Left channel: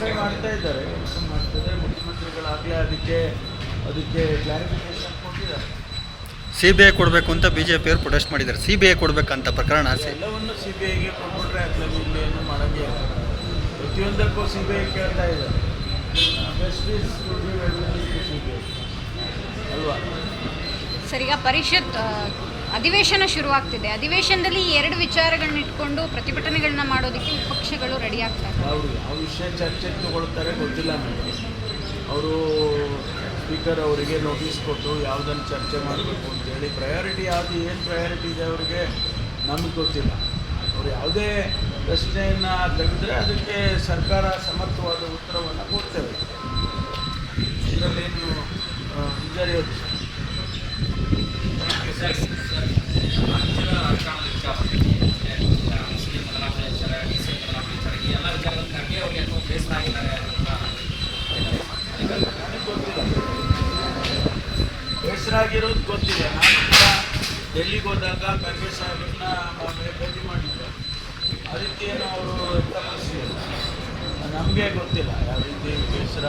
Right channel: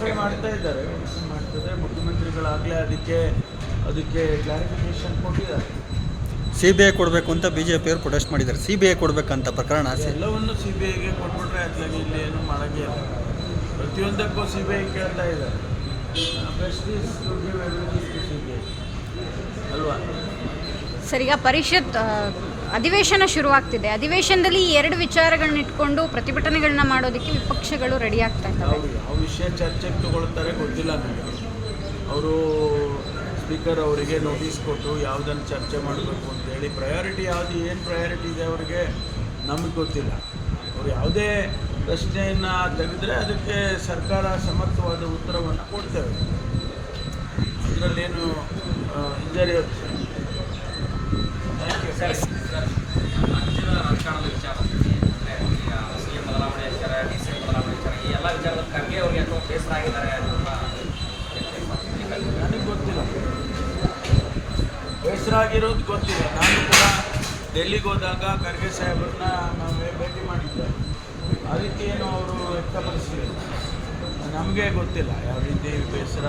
Verify ಮಾಡ್ತಾ ಇದ್ದಾರೆ, verify ಮಾಡ್ತಾರೆ. ಮುಖ್ಯಮಂತ್ರಿಗಳಾಗಲೇ ಅದಕ್ಕೆ ಕ್ಲಾರಿಫಿಕೇಶನ್ ಕೊಟ್ಟಿದ್ದಾರೆ. CBI ಕೊಡಬೇಕು ಅಂತ BJಪಿಯವರು ಪ್ರೊಟೆಸ್ಟ್ ಮಾಡಿದ್ದಾರೆ. CBI ಕೊಡಬೇಕಂತ ಪ್ರಕರಣ ಎಲ್ಲವನ್ನು CBIಗೆ ಕೊಟ್ಬಿಟ್ರೆ ಅತ್ಲಾಗಿ ಇಲ್ಲಿ ಏನು ಮಾಡೋಂಗೆ ಇಲ್ಲ. ಪ್ರತಿಯೊಂದಕ್ಕೂ CBI ಕೇಳ್ತಾ ಇದ್ದಾರೆ. Best is to give evidence to CBI ಅಲ್ವಾ? ಸರ್, ಈಗ ಪರಿಷತ್ ಅಧಿವೇಶನ ಶುರುವಾಗ್ತಿದೆ. ಅಧಿವೇಶನದಲ್ಲಿ ಈ ಎರಡು ವಿಚಾರಗಳನ್ನ ಇಟ್ಕೊಂಡು ಪ್ರತಿಭಟನೆಗಳನ್ನ ಮಾಡೋದಕ್ಕೆ ವಿಪಕ್ಷಗಳು ರೆಡಿ ಆಗ್ತಾ ಇದ್ದಾರೆ. ಅವರು ಯಾವ ವಿಷಯ ಚರ್ಚೆಗೆ ತಗೊಳ್ತಾರೆ ಗೊತ್ತಿಲ್ಲ ನನಗೆ. ಅವರು ಸ್ಪೀಕರ್ ಅವರಿಗೆ ನೋಟಿಸ್ ಕೊಟ್ಟು ಯಾವುದನ್ನು ಚರ್ಚೆ ಮಾಡಬೇಕು ಅಂತೇಳಿ ಪ್ರಯಾರಿಟಿ ಏನು ಪ್ರಯಾರಿಟಿ ಇದೆ ಅವರಿಗೆ ನಮಗೆ ಗೊತ್ತಿಲ್ಲ. ಅವರು ಯಾವುದೇ ಪ್ರಶ್ನೆಯನ್ನು ತೆಗೆದರೆ ಅದಕ್ಕೆ ಸರ್ಕಾರ ಸಮರ್ಥವಾದ ಉತ್ತರವನ್ನು ಕೊಡ್ತೇವೆ. ಇದರಲ್ಲೇನು ಇದ್ದಾರೆ ವಿಷಯ. Thank you sir. ರಾಜಕಾರಣದ ವಿಚಾರ CM ಬದಲಾವಣೆ ವಿಚಾರ, DCM ಬದಲಾವಣೆ ವಿಚಾರ, ಈ ಎಲ್ಲ ವಿಚಾರದ ಖರ್ಗೆ ಅವರಿಗೆ ಅಥವಾ ಬೇಸರ ಆಗಿದ್ದಾರೆ ನನಗೆ ಗೊತ್ತಿಲ್ಲ. ಬೇಸರ ಆಗಿರೋದು ಗೊತ್ತಿದೆ. ನಾನು ಕೂಡ ಡೆಲ್ಲಿಗೆ ಹೋದಾಗ ಖರ್ಗೆ ಸಾಹೇಬ್ರನ್ನ ಭೇಟಿ ಮಾಡಿದ್ದೆ. ಆ ರೀತಿ ಏನು ಅವರು ವ್ಯಕ್ತಪಡಿಸಿಲ್ಲ. ನಮಗೆ ಗೊತ್ತಿಲ್ಲ ಯಾವ ರೀತಿ ಬೇಸರ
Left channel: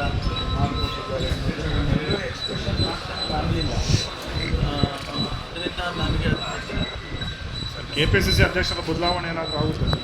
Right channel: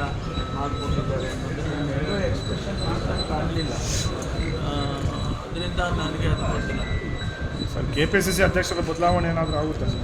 ಮಾಡಿಕೊಂಡಿದ್ದಾರೆ ಅನ್ನೋದು ನನಗೂ ಎಕ್ಸ್ಪ್ರೆಷನ್ ಮಾಡ್ಕೊಂಡು ಕಾಣಲಿಲ್ಲ. ಅದರಿಂದ ನನಗೆ ಅದು ಗೊತ್ತಿಲ್ಲ. KPCC ಅಧ್ಯಕ್ಷರ ಬದಲಾವಣೆ ಏನಾದರೂ ಆಗುತ್ತೆ ಸರ್?